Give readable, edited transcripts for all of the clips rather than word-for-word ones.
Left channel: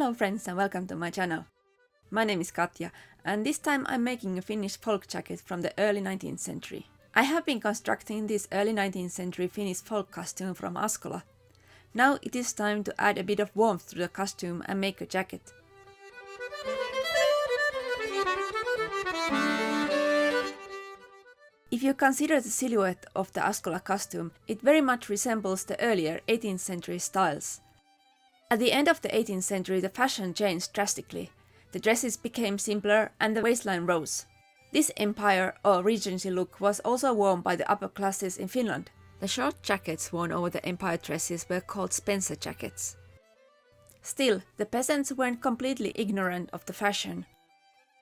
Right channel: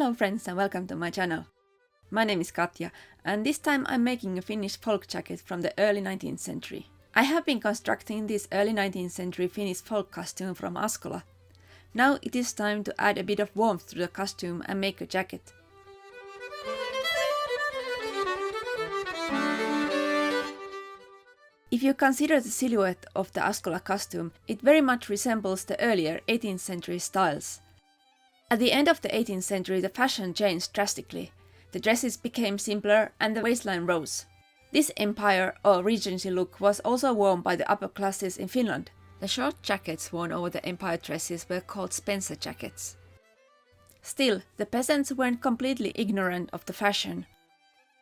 Hello friends and welcome to my channel. My name is Katja and this time I'm making a Finnish folk jacket from the early 19th century. I have been constructing this early 19th century Finnish folk costume from Askola. Now it is time to add a bit of warmth to the costume and make a jacket. If you consider the silhouette of the Askola costume, it very much resembles the earlier 18th century styles. At the end of the 18th century, the fashion changed drastically. The dresses became simpler and the waistline rose. This empire or regency look was also worn by the upper classes in Finland. The short jackets worn over the empire dresses were called Spencer jackets. Still, the peasants weren't completely ignorant of the fashion.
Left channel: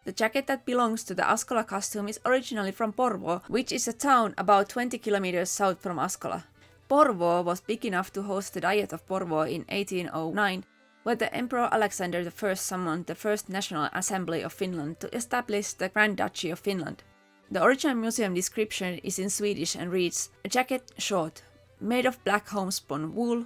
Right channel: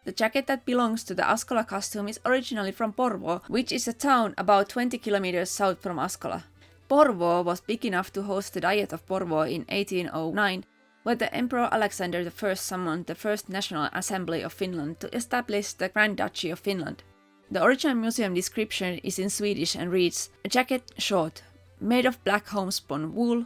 The jacket that belongs to the Askola costume is originally from Porvoo, which is a town about 20 kilometers south from Askola. Porvoo was big enough to host the Diet of Porvoo in 1809, where the Emperor Alexander I summoned the First National Assembly of Finland to establish the Grand Duchy of Finland. The original museum description is in Swedish and reads, a jacket short, made of black homespun wool,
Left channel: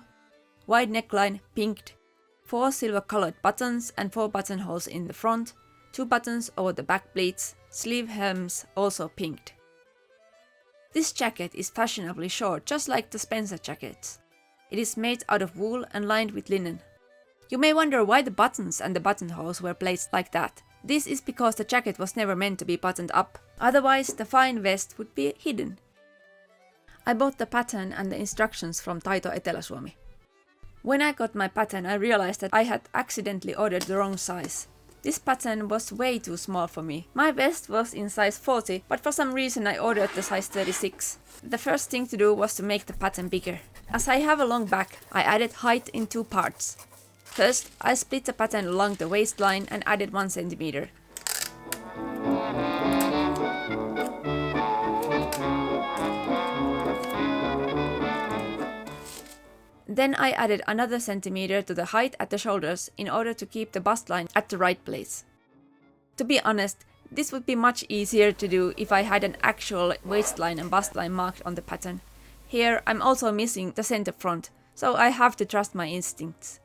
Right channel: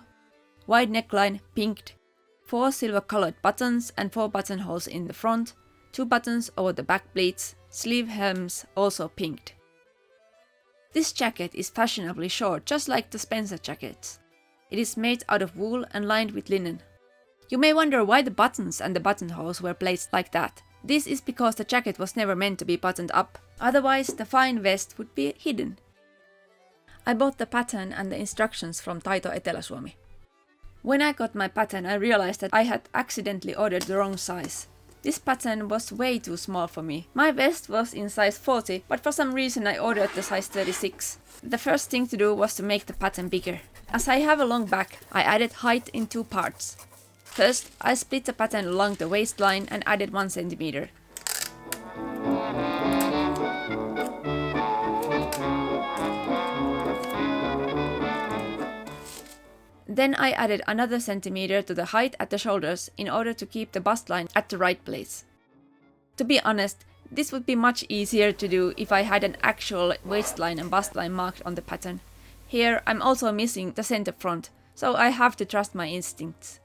wide neckline, pinked, 4 silver-colored buttons and 4 buttonholes in the front, 2 buttons over the back pleats, sleeve hems also pinked. This jacket is fashionably short, just like the Spencer jackets. It is made out of wool and lined with linen. You may wonder why the buttons and the buttonholes were placed like that. This is because the jacket was never meant to be buttoned up, otherwise the fine vest would be hidden. I bought the pattern and the instructions from Taito Etelä-Suomi. When I got my pattern, I realized that I had accidentally ordered the wrong size. This pattern was way too small for me. My vest was in size 40, but for some reason I ordered the size 36. The first thing to do was to make the pattern bigger. As I have a long back, I added height in 2 parts. First, I split the pattern along the waistline and added 1 centimeter. Then I added another centimeter to the height at the shoulders in order to keep the bust line at the right place. To be honest, this would be much easier to do if I had an actual waistline and bust line marked on the pattern. Here I'm also missing the center front, so I have to trust my instincts.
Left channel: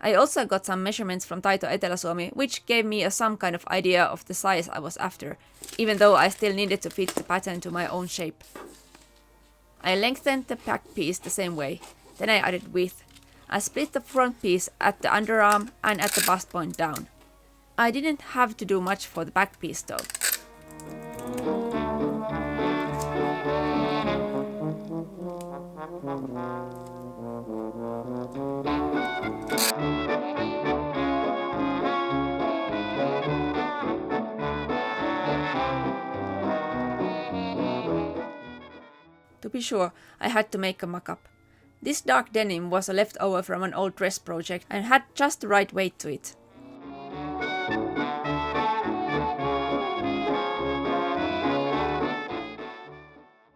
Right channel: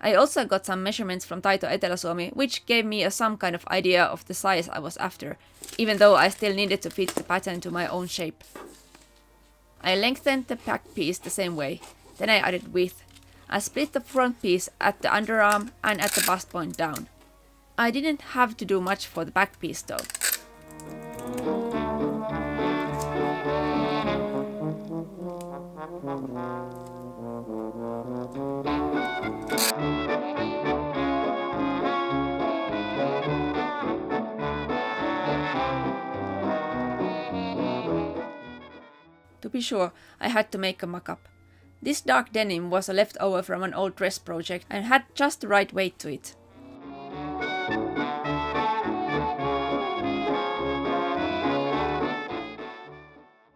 I also got some measurements from Taito Etelä-Suomi, which gave me some kind of idea of the size I was after, even though I still needed to fit the pattern to my own shape. I lengthened the back piece the same way. Then I added width. I split the front piece at the underarm and at the bust point down. I didn't have to do much for the back piece though. To be sure, I had to make a mock-up. This dark denim was a leftover from an old dress project and had just the right weight to it.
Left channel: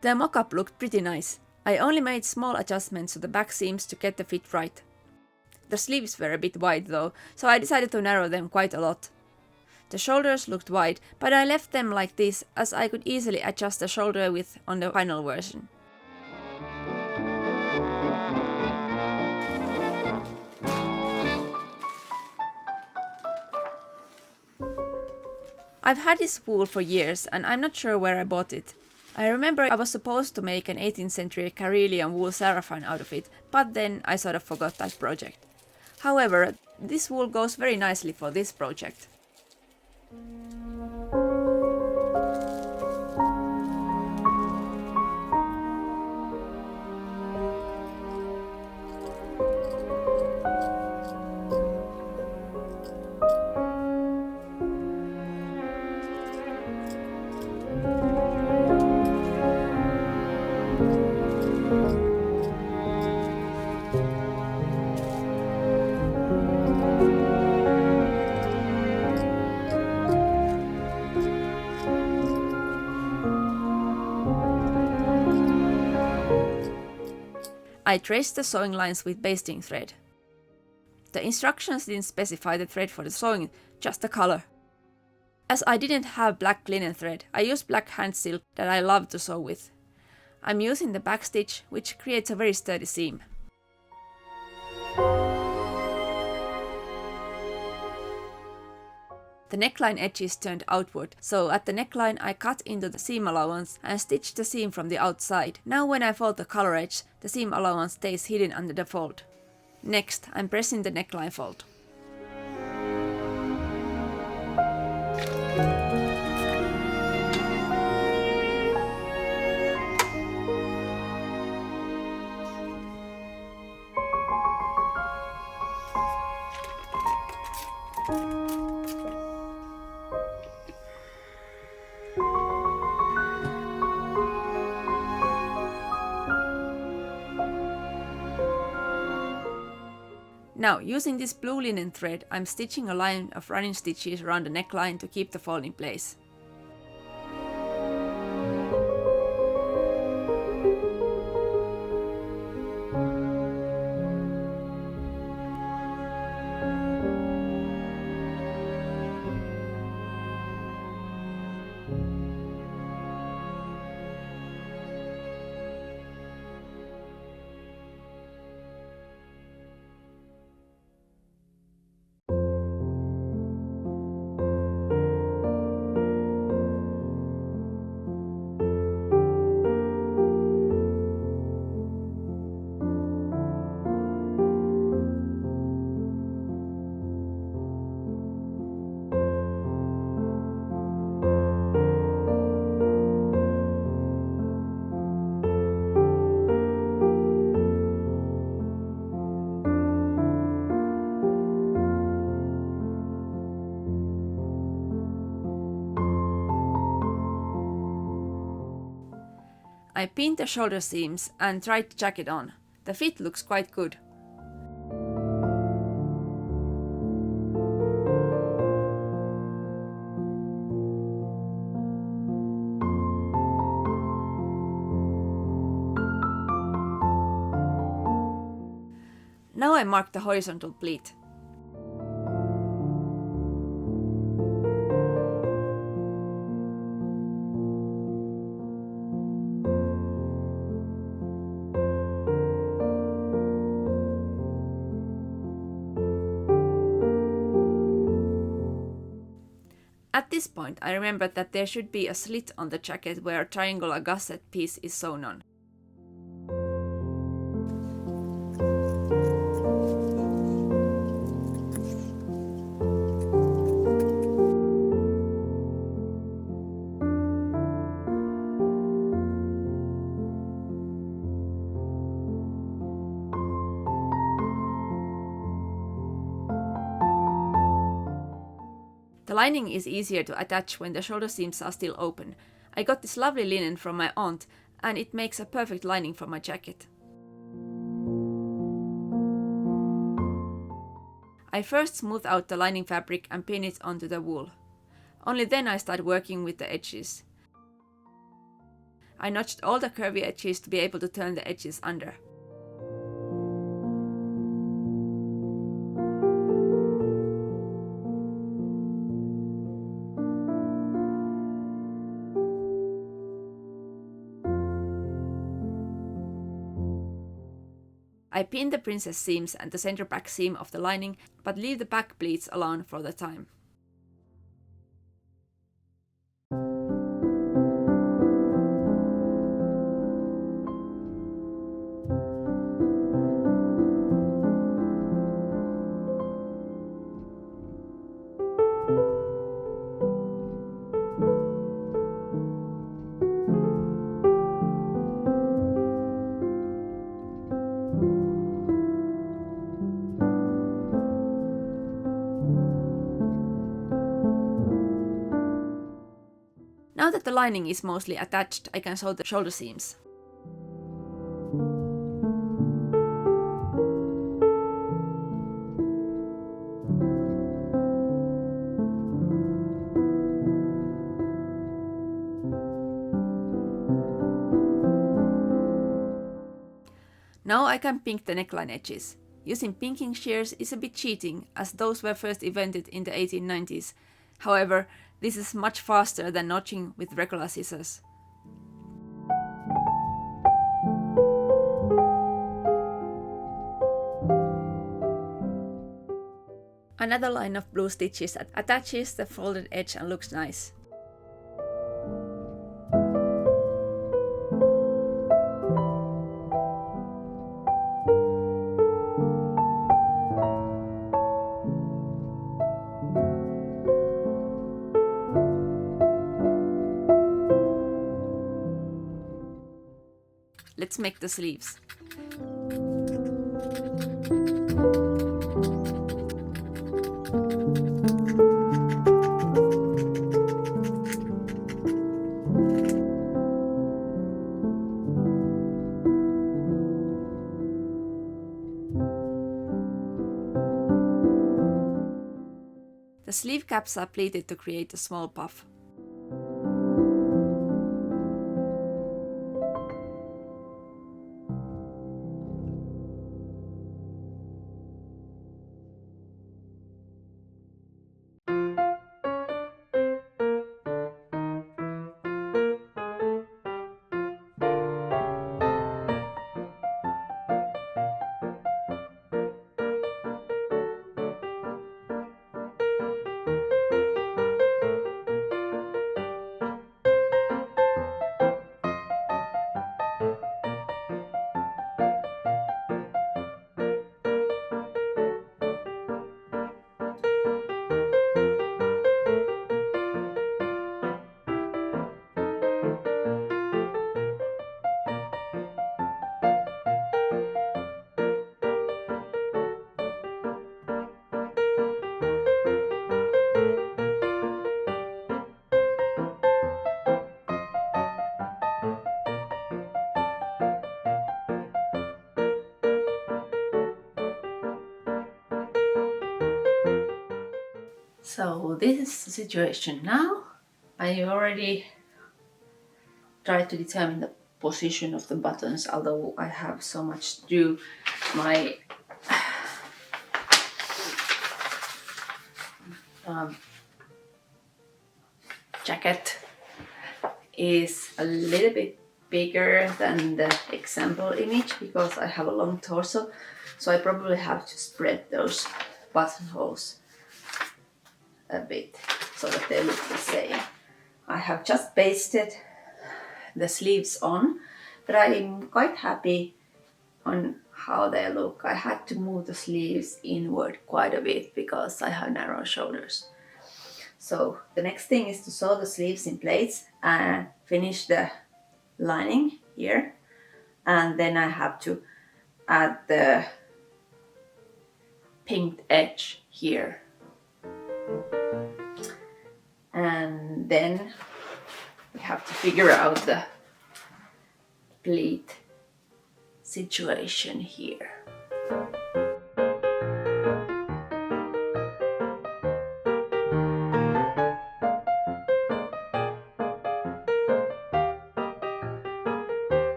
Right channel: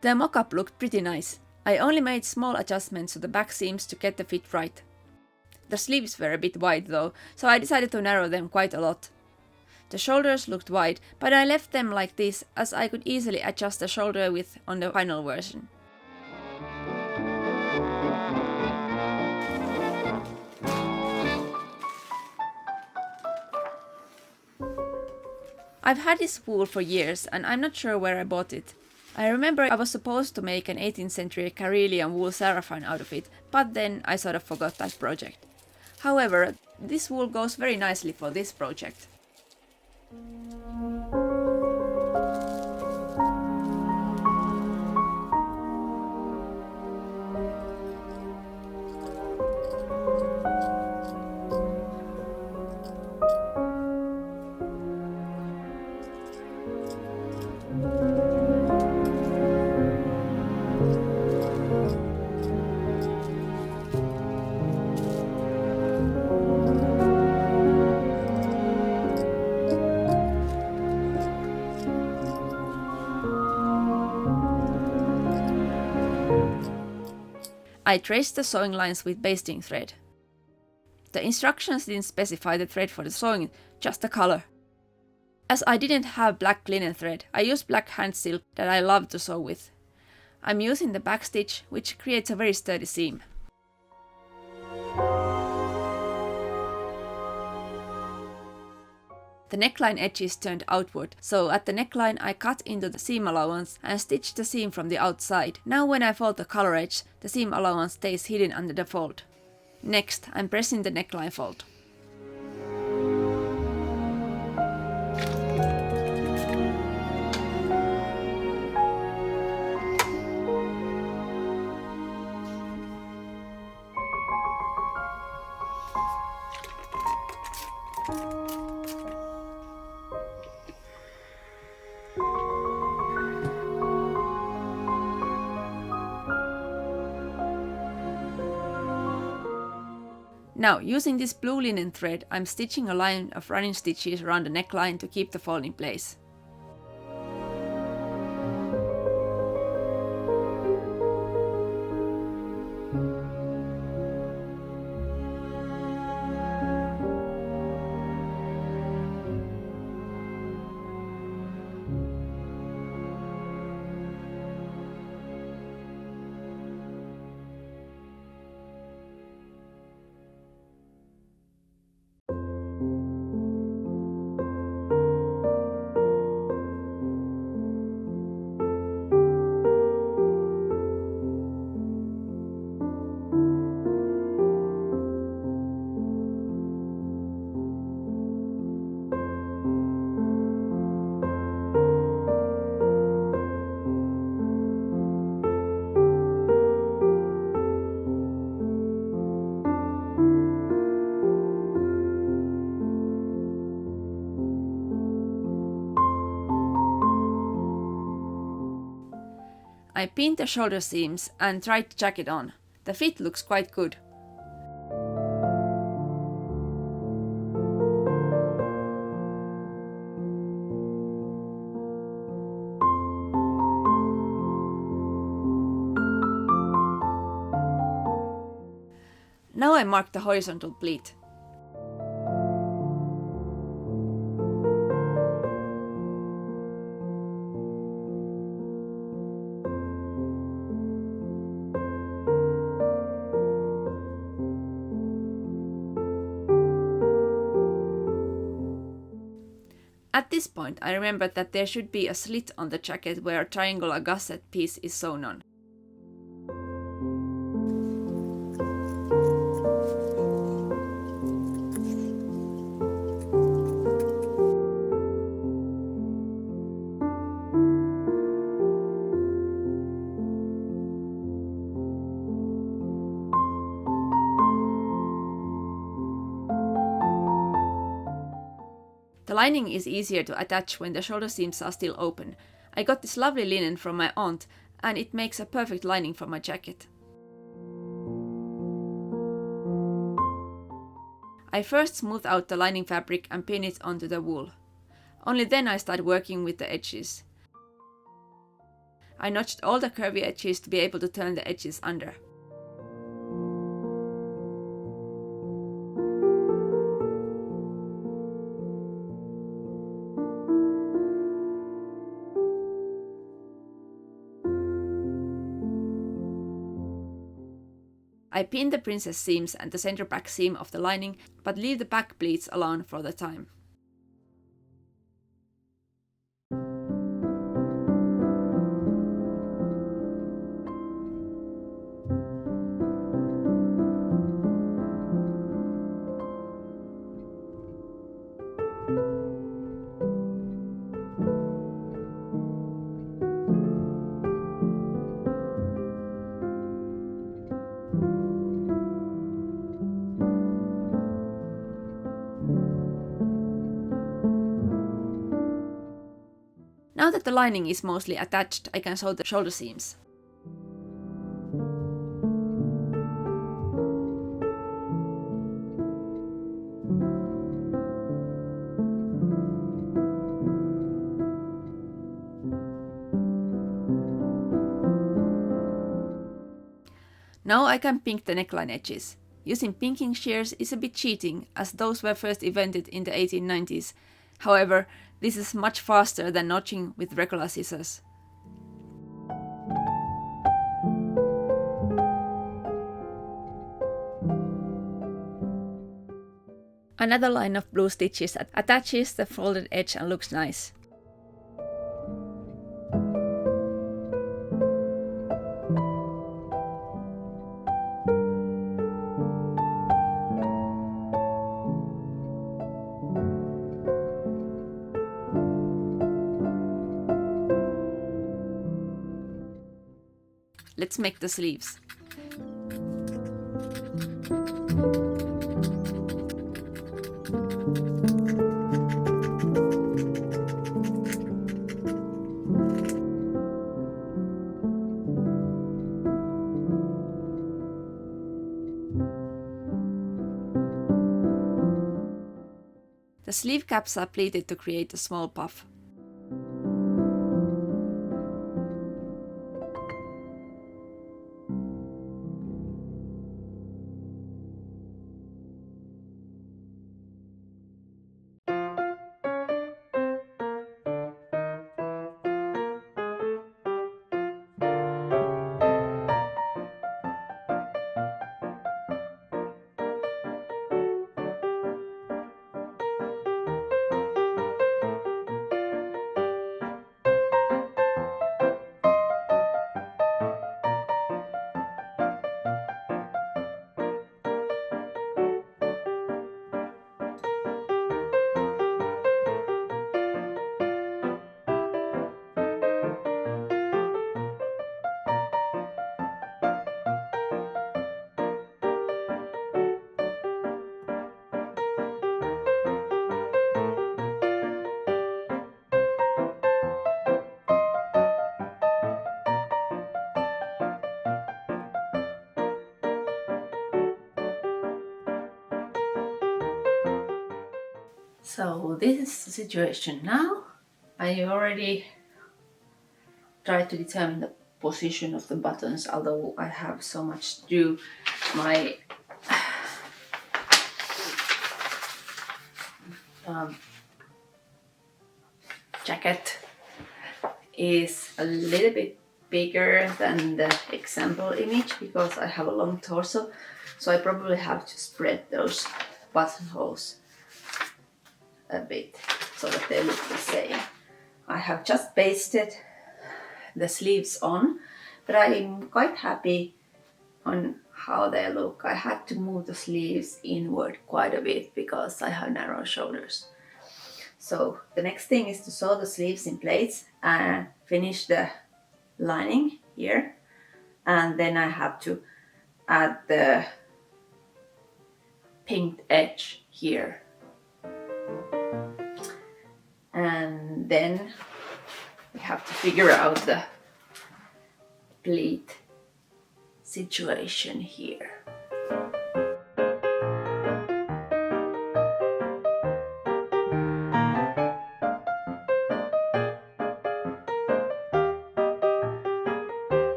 The mock-up looked pretty nice. I only made small adjustments to the back seams to get the fit right. The sleeves were a bit wide though, so I decided to narrow them quite a lot. The shoulders looked wide, but I left them like this as I could easily adjust the shoulder width on the final version. I've had this wool for years and I'm not sure where I bought it. I remember I was supposed to make an 18th century Karelian wool saraffan out of it, but then I sort of forgot that project. However, this wool goes very nicely for this project. I traced the sewing lines with basting thread. The instructions didn't specify the thread for the sewing, just the color. As I didn't have black linen thread, I used black hand silk that I love to sew with. I'm using the backstitch, which creates a very sturdy seam. The neckline edges turned outward, so at the neckline I cut into the seam allowance and stitched the seam from the outside. Now when I fold the collar edge, the seam allowance stays hidden under the fold. Next, I'm pressing the neckline fold. Now, using this blue linen thread, I'm stitching a line of running stitches around the neckline to keep the fold in place. I pinned the shoulder seams and tried the jacket on. The fit looks quite good. Now I mark the horizontal pleat. At this point, I remembered that there should be a slit on the jacket where a triangular gusset piece is sewn on. The lining is easier to attach when the shoulder seams are still open. I got this lovely linen from my aunt, and it makes a perfect lining for my jacket. I first smooth out the lining fabric and pin it onto the wool. Only then I start working with the edges. I notched all the curvy edges to be able to turn the edges under. I pin the princess seams and the center back seam of the lining, but leave the back pleats alone for the time. Now that the lining is mostly attached, I can sew the shoulder seams. Now I can pink the neckline edges. Using pinking shears is a bit cheating, as those were first invented in the 1890s. However, this is much faster than notching with regular scissors. Another line of blue stitches attaches the folded edge and looks nice. Let's make the sleeves. The sleeve caps are pleated to create a small puff. So this is the situation now. I already tried to determine the position of the buttons, although I have so much to do. My jacket is a little bit bigger than the example image because I have a long torso, so I probably have to spread those buttonholes a bit so that they look the same. I have just pasted the sleeves on, but I'm quite happy on how they look. I had to move the sleeves inward quite a bit because I have narrow shoulders. So the next thing is to sew the sleeves in plaits and finish the lining here, and then I have to add the pinked edge here. And then we have to figure out the pleat situation here.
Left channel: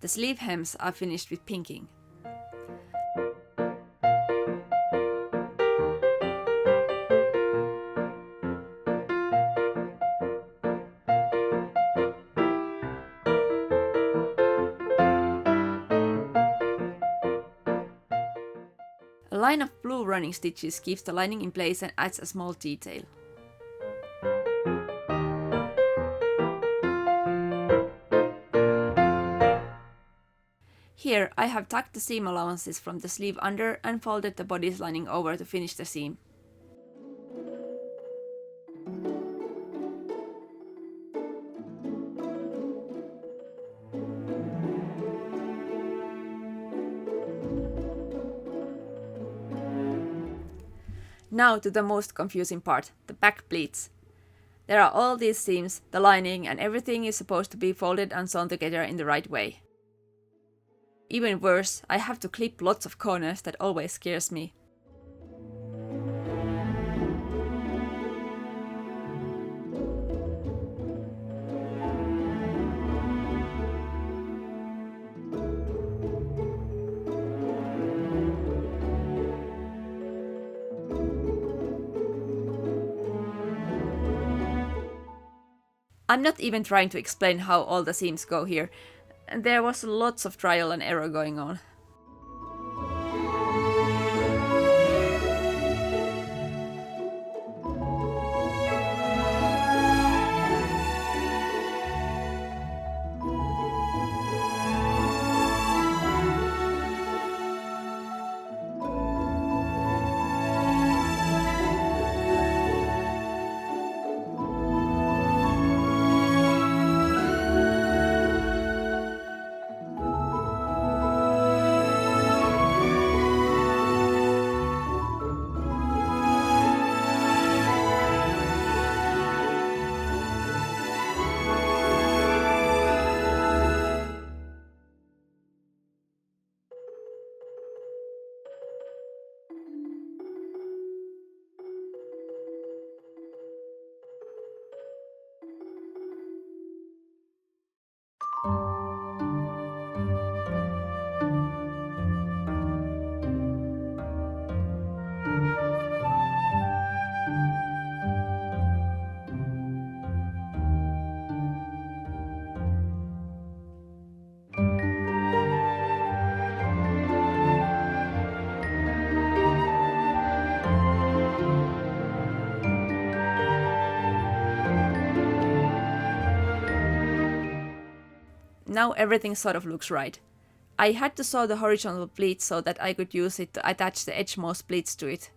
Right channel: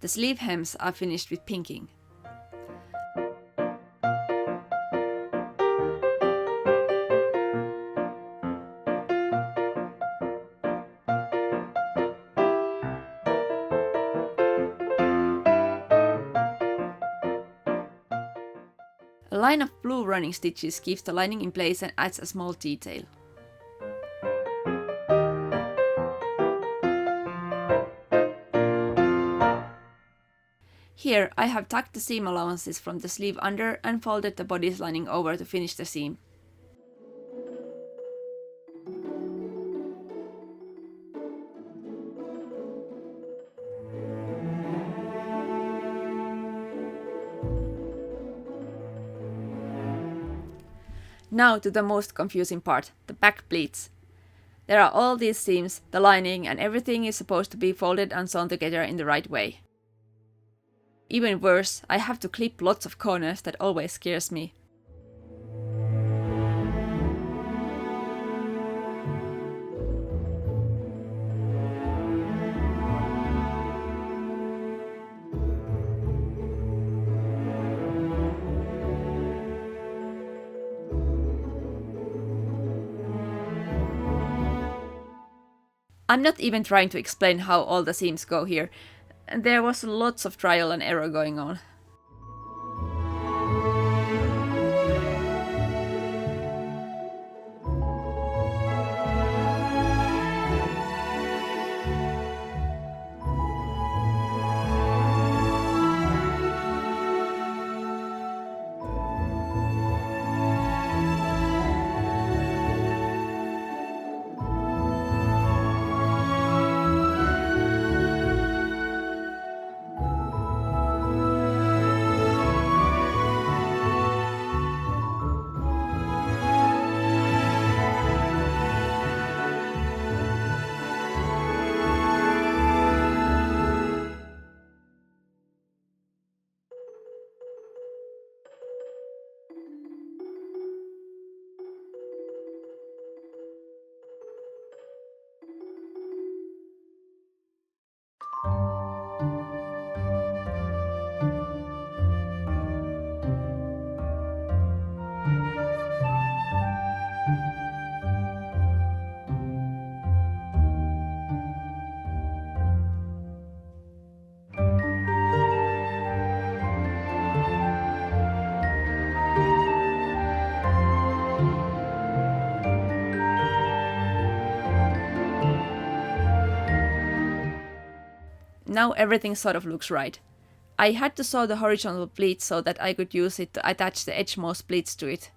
The sleeve hems are finished with pinking. A line of blue running stitches keeps the lining in place and adds a small detail. Here I have tucked the seam allowances from the sleeve under and folded the bodice lining over to finish the seam. Now to the most confusing part, the back pleats. There are all these seams, the lining, and everything is supposed to be folded and sewn together in the right way. Even worse, I have to clip lots of corners. That always scares me. I'm not even trying to explain how all the seams go here. And there was lots of trial and error going on. Now everything sort of looks right. I had to sew the horizontal pleat so that I could use it to attach the edgemost pleats to it.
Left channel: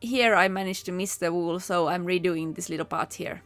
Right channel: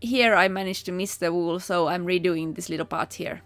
Here I managed to miss the wool, so I'm redoing this little part here.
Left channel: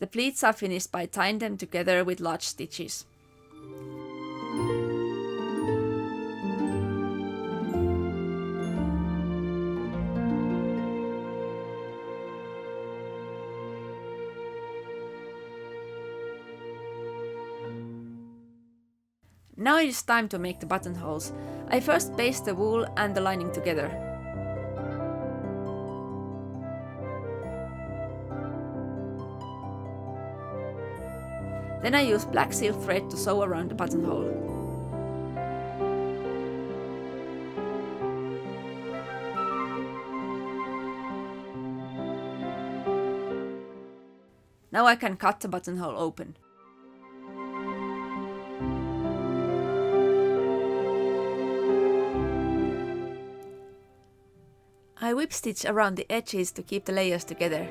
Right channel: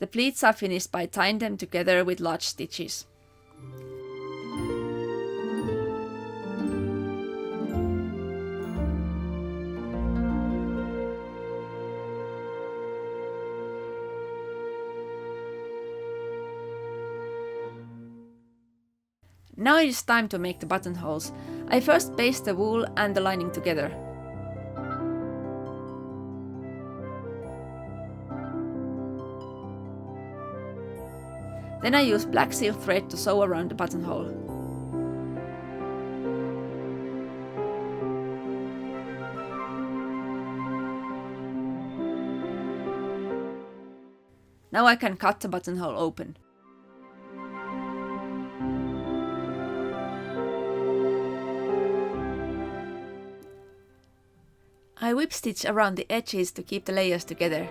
The pleats are finished by tying them together with large stitches. Now it is time to make the buttonholes. I first baste the wool and the lining together. Then I use black silk thread to sew around the buttonhole. Now I can cut the buttonhole open. I whip stitch around the edges to keep the layers together.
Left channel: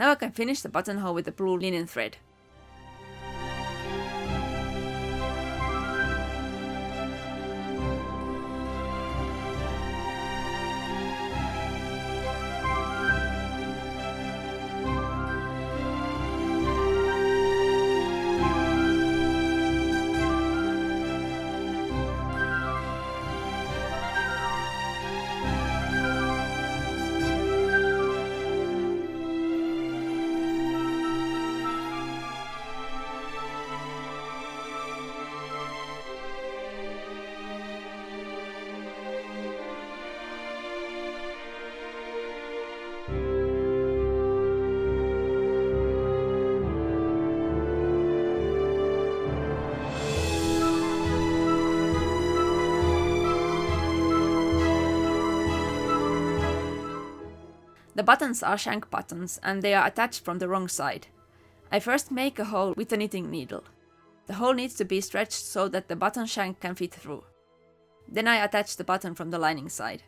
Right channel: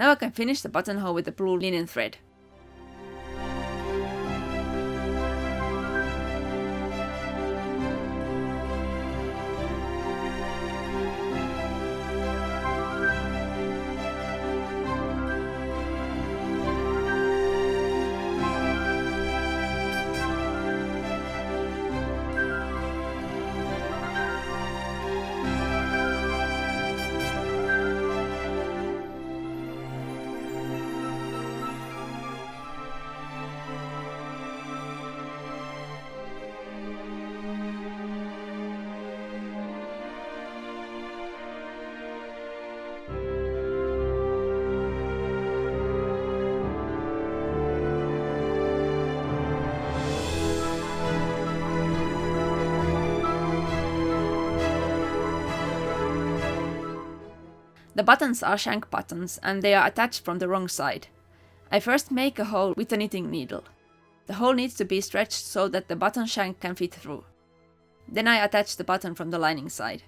Now I can finish the buttonhole with the blue linen thread. The buttons are shank buttons and they are attached from the wrong side. I first make a hole with a knitting needle. The hole needs to be stretched so that the button shank can fit through. Then I attach the button from the lining side.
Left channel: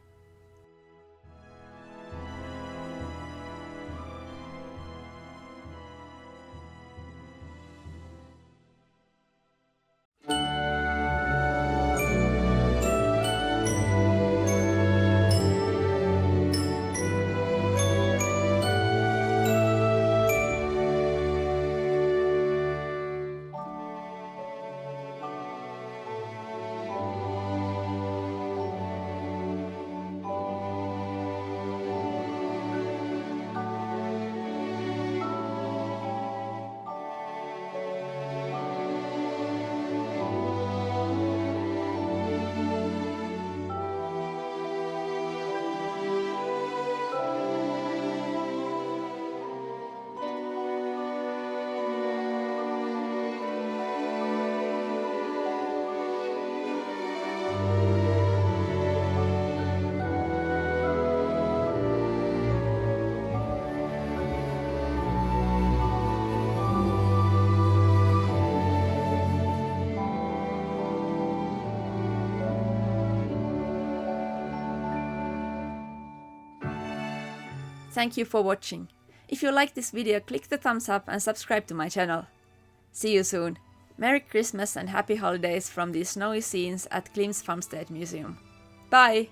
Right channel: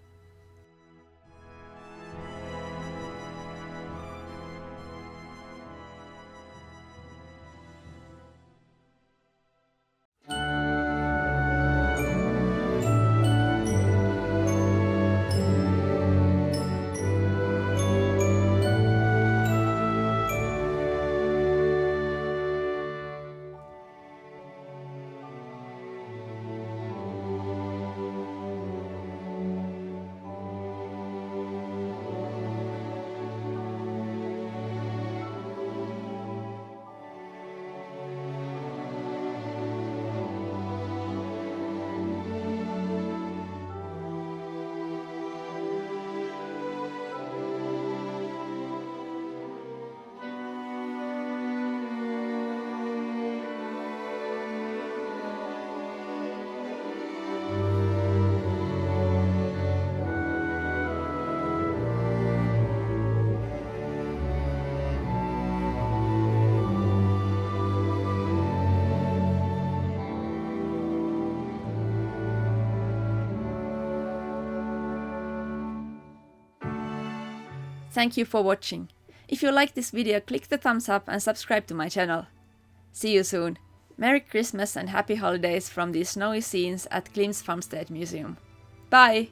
Thank you for watching. If you like this video, click the thumbs up and subscribe to my channel. See you soon. Merry Christmas and Happy Holidays from these snowy scenes at Klimts Farmstead Museum. Bye!